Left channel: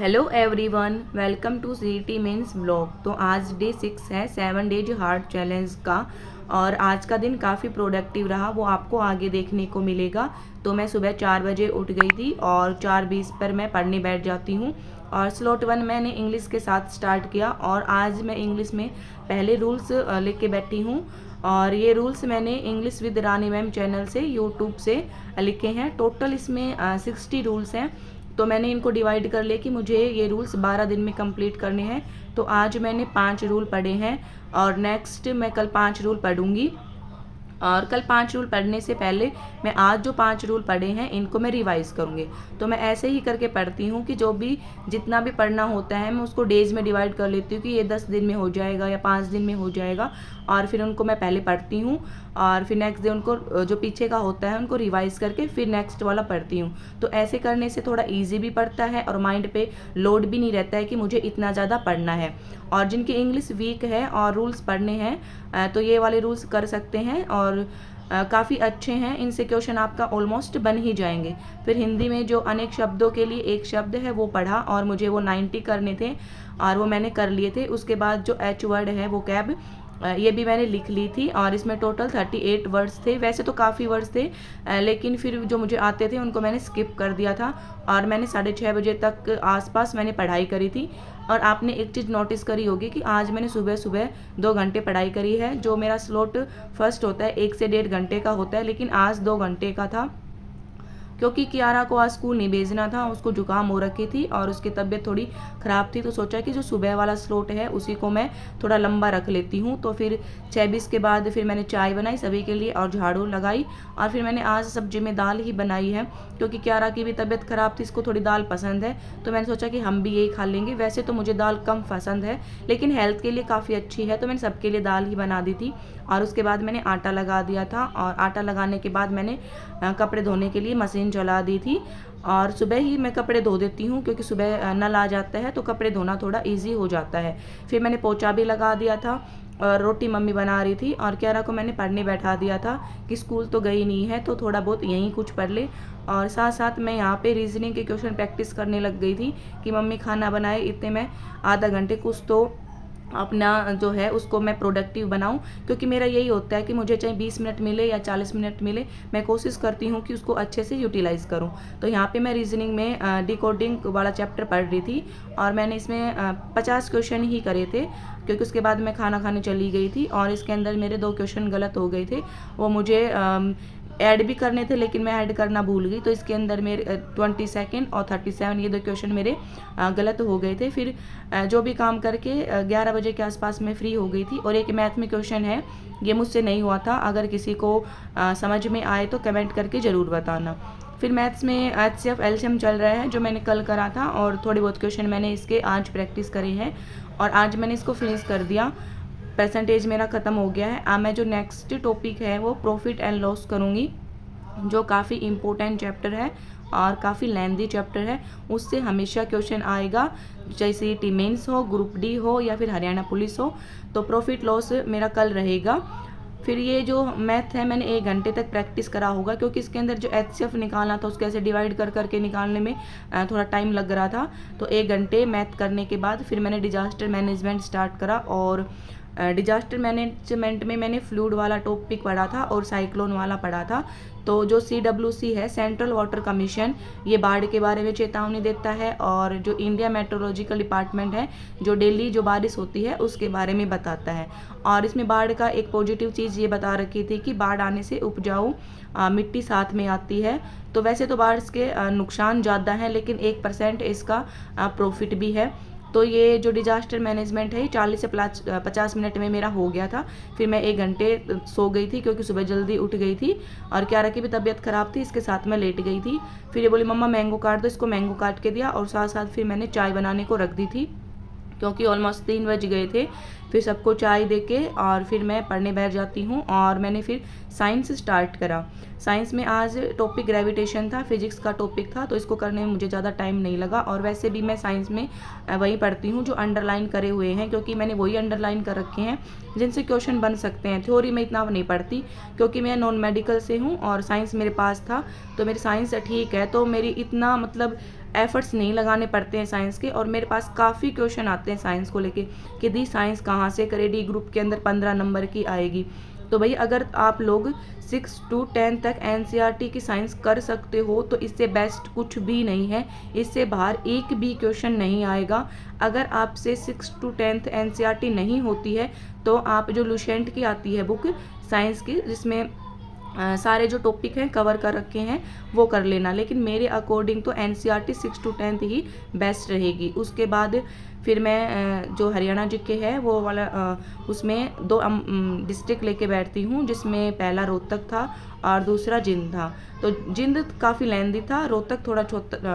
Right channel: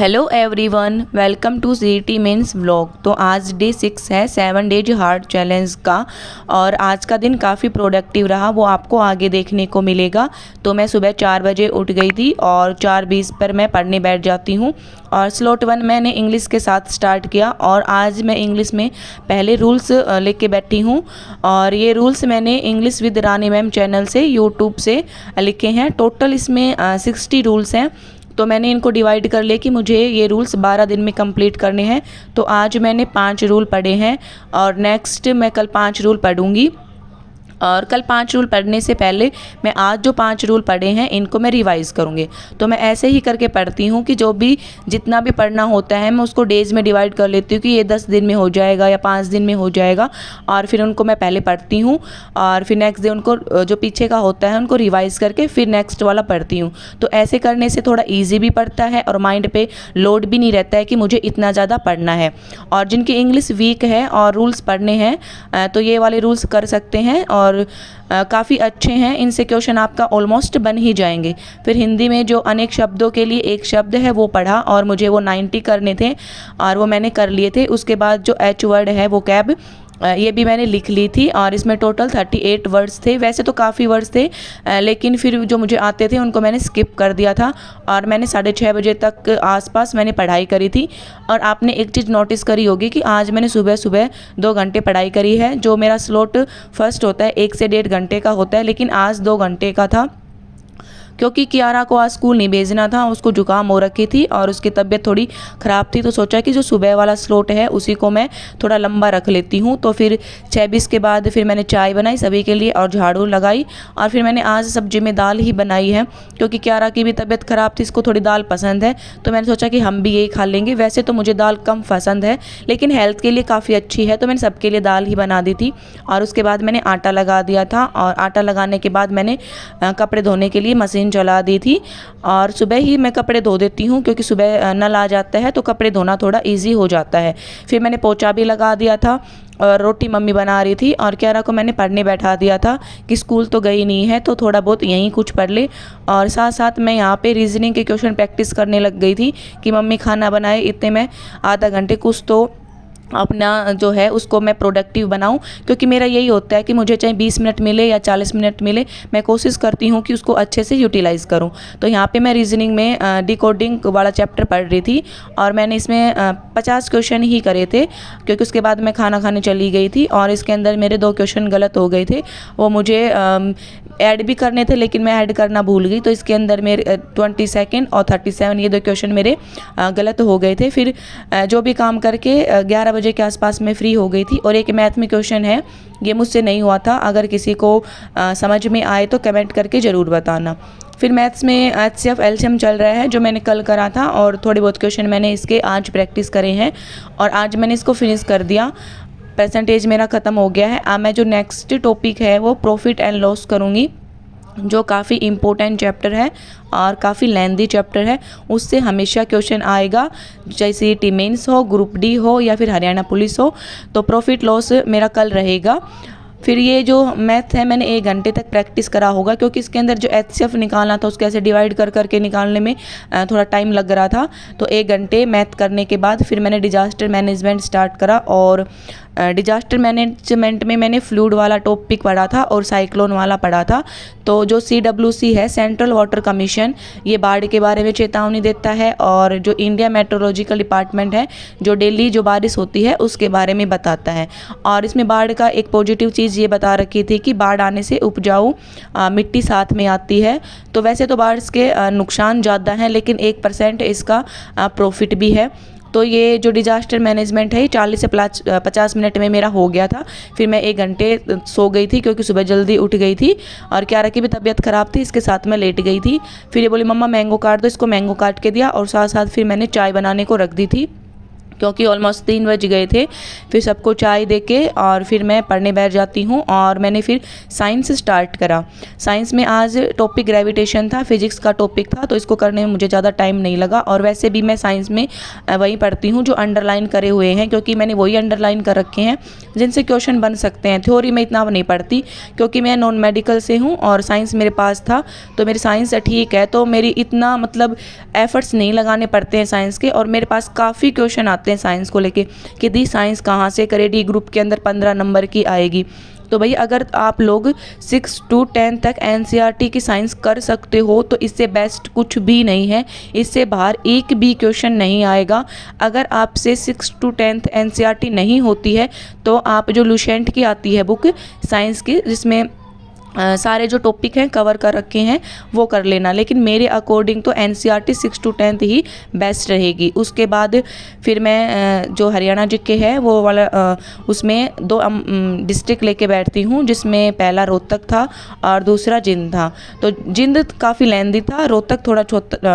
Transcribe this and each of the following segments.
Hello everyone, welcome to CET mains vlog. तो आज day 6 है 7 डेज हार्ड चैलेंज का। और आज का दिन काफ़ी प्रोडक्टिव रहा, वो आपको आगे देखने को मिलेगा। तो मैं सुबह 4 बजे उठ गई थी और 4:20 पर मैं पढ़ने बैठ जाती हूँ। और स्लॉट 1 मैंने इंग्लिश के साथ स्टार्ट किया और आज मैं इंग्लिश में पहले रूल्स लेके बैठी हूँ। और ये रूल्स मैंने English with Rani ma'am channel से यूट्यूब से लिखे हैं। टोटल इसमें 60 रूल्स हैं। तो मैंने इनको डिवाइड कर लिया कि मुझे ये रूल्स 12 दिन में कंप्लीट करने हैं। तो आज मैंने 5 रूल पढ़े हैं और नेक्स्ट मैं कल 5 रूल पढ़ूंगी। और कल 5 रूल पढ़ने से पहले मैं आज जो 5 रूल पढ़े हैं इनको मैं रिवाइज़ करूँगी। तो मैं ऐसे ही करके पढ़ती हूँ कि जो भी जितना भी पढ़ना होता है मैं उसको डेज़ में डिवाइड कर लेती हूँ कि ये 10 दिन में हो जाएगा या 5 दिन में हो जाएगा। और फिर उनको मैं पहले पढ़ती हूँ और फिर नेक्स्ट डे उनको जो पीछे का होता है उनको रिवाइज़ करके फिर नेक्स्ट वाला पढ़ती हूँ। तो ऐसे करने से थोड़ा ईजी भी पड़ता है और माइंड पे लोड भी नहीं रहता है कि मुझे इतना ज़्यादा पढ़ना है। और जिनकी इंग्लिश वीक है और रूल्स पढ़ने हैं तो ये वाले रूल्स कर सकते हैं और काफ़ी अच्छे हैं। इनसे क्वेश्चन आपका ऑलमोस्ट बन ही जाएंगे। फिर हिंदी में जो अनेक शब्दों के लिए एक शब्द है वो पढ़ा और मुझे वो 90 करने थे और वो मैंने कर लिए थे। उसके बाद जो एच वर्ड है वो कैब, ये भी मैंने लिख ली थी और इसमें टोटल 38 वर्ड्स थे। वैसे तो काफ़ी वर्ड्स थे लेकिन फिर जो मुझे आते थे उनको मैंने स्किप कर दिया था। और मैंने 6:30 बजे तक आसपास मैंने पढ़ाई करी थी। और आपने एक चीज़ नोटिस करी होगी कि आज मैंने सुबह सुबह 2 घंटे पढ़ाई करी है। जो मेरा स्लॉट फर्स्ट होता है 1 से 1.5 घंटे का होता है, लेकिन आज 2 घंटे का था क्योंकि कियारा को आज स्कूल नहीं भेजना था। उसको जुकाम हो रखी थी और उसकी तबीयत थोड़ी ख़राब थी। तो सोचा कि जो सुबह वाला स्लॉट है उसी को मैं थोड़ा लंबा रख लेती हूँ। तो फिर 6:20 के बाद फिर मैंने चाय बनाई सभी के लिए और झाड़ू लगाई। और फिर मैंने आज सब्जी में दाल ही बनाई है क्योंकि कियारा की भी तबीयत ख़राब थी, इसको थोड़ी दाल पसंद है। तो मैंने सोचा कि हम भी यही खा लेंगे। वैसे तो मुझे दाल कम पसंद है लेकिन हेल्थ के लिए काफ़ी अच्छी है, तो मैंने सबके लिए दाल ही बना दी थी। और उसके बाद मैंने आटा लगा दिया था और आटा लगाने के बाद मैंने कपड़े धोने के लिए मशीन चला दी थी। और सुबह ही मैं कपड़े धो देती हूँ क्योंकि सुबह नल आ जाता है तो कपड़े धोना थोड़ा इजी हो जाता है। फिर मैंने पोछा भी लगा दिया था और रोटी मम्मी बना रही थी और कियारा को मैंने पढ़ने बैठा दिया था कि स्कूल तो गई नहीं है तो थोड़ा बहुत यहीं कुछ पढ़ ले। और साथ साथ मैं यहाँ पे रीजनिंग के क्वेश्चन प्रैक्टिस करने लग गई थी कि मम्मी खाना बनाए, इतने में आधा घंटे कुछ तो अपना जो है उसको मैं प्रोडक्टिव बनाऊं। क्योंकि मेरा यही होता है कि मुझे चाहे 20 मिनट मिले या 40 मिनट मिले, मैं कोशिश करती हूं कि उसको अच्छे से यूटिलाइज़ करूं। तो यहाँ पे मैं रीजनिंग में डिकोडिंग वाला चैप्टर पढ़ रही थी और मैंने इसमें 50 क्वेश्चन ही करे थे क्योंकि उसके बाद मैं खाना खाने चली गई थी। और इसके अंदर मेरे 2 क्वेश्चन गलत हो गए थे, वो मुझे ऐड भी करने थे लेकिन मैं ऐड करना भूल गई। तो इसके अंदर मेरे 22 और 37 ये 2 क्वेश्चन मेरे गलत हो गए थे। फिर जो भी काम करके 11 बजे के आसपास मैं फ्री हो गई थी। और एक मैथ में क्वेश्चन है, ये मुझसे नहीं हुआ था, अगर किसी को समझ में आए तो कमेंट करके ज़रूर बताना। फिर मैथ्स में HCF एलसीएम चल रहा है जो मैंने कल करा था और थोड़े बहुत क्वेश्चन मैंने इसके आज प्रैक्टिस करे हैं और आज मैंने इसको फिनिश कर दिया। परसेंटेज मेरा ख़त्म हो गया है। अब मैं जो नेक्स्ट टॉपिक है वो प्रॉफिट एंड लॉस करूँगी, जो काफ़ी इम्पोर्टेंट चैप्टर है और काफ़ी लेंदी चैप्टर है। उससे हमेशा क्वेश्चन आएगा, जैसे टी मेंस हो, ग्रुप डी हो या फिर हरियाणा पुलिस हो। तो प्रॉफिट लॉस मेरा कल रहेगा। फिर ये जो मैथ है मैंने 1 घंटे तक प्रैक्टिस करा होगा क्योंकि इसके अंदर जो HCF निकालना था उसको ऐसे डिवाइड कर करके निकालने में थोड़ा टाइम लग रहा था। तो 1 घंटे मैथ करने के बाद फिर मैंने डिजास्टर मैनेजमेंट स्टार्ट करा। और डिजास्टर मैनेजमेंट में मैंने फ्लूड वाला टॉपिक पढ़ा था और साइक्लोन वाला पढ़ा था। तो जो CWC है, सेंट्रल वाटर कमीशन, ये बाढ़ के बारे में चेतावनी देता है। और जो इंडिया मेट्रोलॉजिकल डिपार्टमेंट है, जो डेली जो बारिश होती है उसके बारे में बताता है। और इसमें बाढ़ का एक पॉजिटिव चीज़ ये बता रखी थी कि बाढ़ आने से उपजाऊ मिट्टी साथ में आती है। तो वैसे तो बाढ़ के नुकसान ज़्यादा हैं लेकिन 1% इसका प्रॉफिट भी है। तो ये जो डिजास्टर मैनेजमेंट है 40 से 50 मिनट में मेरा हो गया था। फिर मैं 1 घंटे सो गई थी क्योंकि सुबह जल्दी उठ गई थी और कियारा की भी तबीयत ख़राब थी, इसके साथ मैं लेट गई थी। फिर ये बोली मम्मा मैंगो काट दो, इसको मैंगो काट के दिया और साथ साथ फिर मैंने चाय बनाने को रख दी थी। क्योंकि ऑलमोस्ट 3 बज गए थे। फिर सबको चाय दे के और फिर मैं पढ़ने बैठ जाती हूँ और मैंने फिर साइंस स्टार्ट करा। साइंस में आज टॉपिक ग्रेविटेशन था, फिजिक्स का टॉपिक था, तो इसको करने में मुझे ज़्यादा टाइम नहीं लगा। और वैसे भी मैं साइंस में वही पढ़ती हूँ जो अंडरलाइन करे हुए हैं, क्योंकि मैंने वही अंडरलाइन कर रखे हैं जिनसे क्वेश्चन बन सकते हैं। थ्योरी में इतना नहीं पढ़ती क्योंकि मैं नॉन मेडिकल से हूँ और साइंस मेरे पास था, तो मेरी साइंस ठीक है, तो मेरी इतना मतलब एफर्ट्स नहीं लगाने पड़ते हैं साइंस के। और मेरे पास काफ़ी क्वेश्चन आते हैं साइंस को लेके कि दी साइंस कहाँ से करे, डी ग्रुप के अंदर 15 नंबर की आएगी। तो भाई अगर आप लोग 6 to 10 तक एनसीईआरटी की साइंस कर सकते हो तो इससे बेस्ट कुछ भी नहीं है। इससे बाहर एक भी क्वेश्चन नहीं आएगा। अगर आपसे 6 to 10 एनसीईआरटी नहीं होती है तो आप जो लुसेंट की आती है बुक साइंस की, जिसमें सारे जो टॉपिक हैं कवर कर रखे हैं वो कर लेना। लेकिन मेरे अकॉर्डिंग तो एनसीईआरटी 6 to 10 ही बेस्ट रहेगी। उसके बाद फिर मैं जो हरियाणा जीके है वो वाला उसमें 2 डिस्ट्रिक्ट लेके बैठती हूँ, जिसमें पहला रोहतक था और दूसरा जिंद था। तो जिंद काफ़ी लेंदी था, रोहतक थोड़ा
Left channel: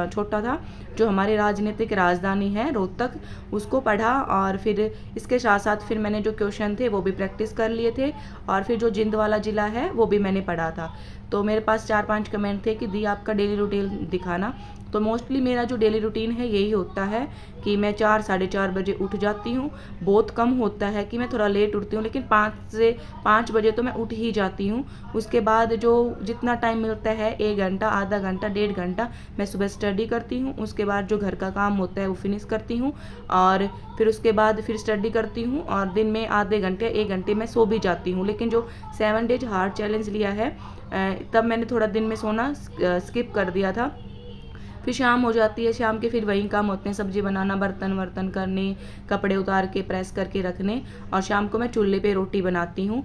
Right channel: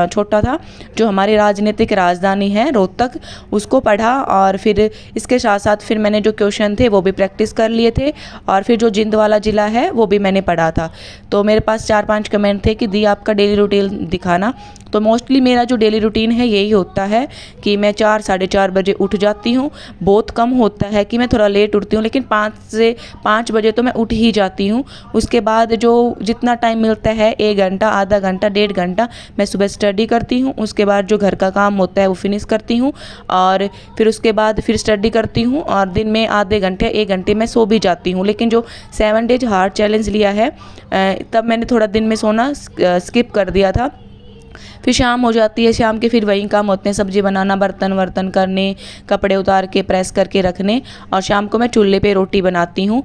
छोटा था। जो हमारी राजनीतिक राजधानी है रोहतक, उसको पढ़ा और फिर इसके साथ साथ फिर मैंने जो क्वेश्चन थे वो भी प्रैक्टिस कर लिए थे। और फिर जो जिंद वाला ज़िला है वो भी मैंने पढ़ा था। तो मेरे पास 4-5 कमेंट थे कि दी आपका डेली रूटीन दिखाना। तो मोस्टली मेरा जो डेली रूटीन है यही होता है कि मैं 4 साढ़े 4 बजे उठ जाती हूँ। बहुत कम होता है कि मैं थोड़ा लेट उठती हूँ, लेकिन 5 से 5 बजे तो मैं उठ ही जाती हूँ। उसके बाद जो जितना टाइम मिलता है 1 घंटा, आधा घंटा, 1.5 घंटा मैं सुबह स्टडी करती हूँ। उसके बाद जो घर का काम होता है वो फिनिश करती हूँ और फिर उसके बाद फिर स्टडी करती हूँ और दिन में आधे घंटे 1 घंटे मैं सो भी जाती हूँ। लेकिन जो 7 डेज हार्ड चैलेंज लिया है तब मैंने थोड़ा दिन में सोना स्किप कर दिया था। फिर शाम हो जाती है, शाम के फिर वही काम होते हैं, सब्जी बनाना, बर्तन वर्तन करने, कपड़े उतार के प्रेस करके रखने, और शाम को मैं चूल्हे पे रोटी बनाती हूँ।